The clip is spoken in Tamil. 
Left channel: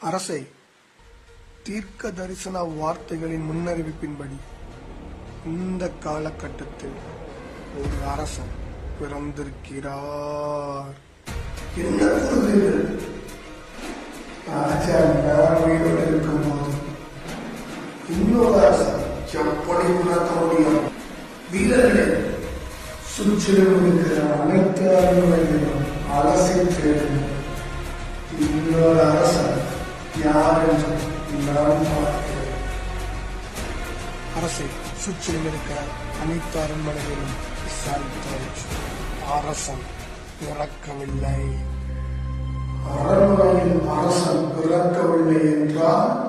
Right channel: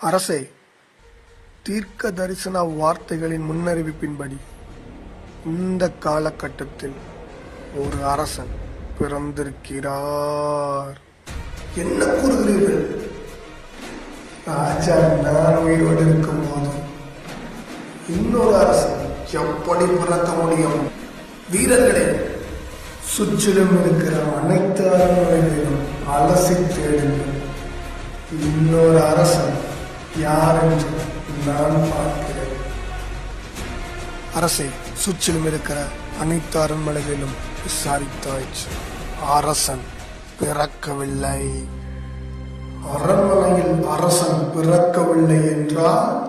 அரசே, தீர்க்க தரிசன வார்த்தைகளின் முன்னறிவிப்பின்படி இந்த காலகட்டத்தில் ஒரு அரசன் பிறந்திருக்கிறார். என்ன கூறுகிறீர்கள்? ராஜா நான் உயிரோடு இருக்கும் போது இன்னொரு அரசன் எப்படி பிறக்க முடியும்? வீரர்களே, சுற்றிலும் இருக்கிற அனைத்து அரண்மனைகளிலும் அலசி தேடுங்கள். இன்னொரு அரசன் யார் என்று நான் பார்க்கிறேன். அரசை சுற்றிலும் இருக்கிற அனைத்து அரண்மனைகளிலும் விசாரித்தாயிற்று. அரசன் பிறக்கவில்லை. அரண்மனையில் அரசன் பிறக்கவில்லை என்றால்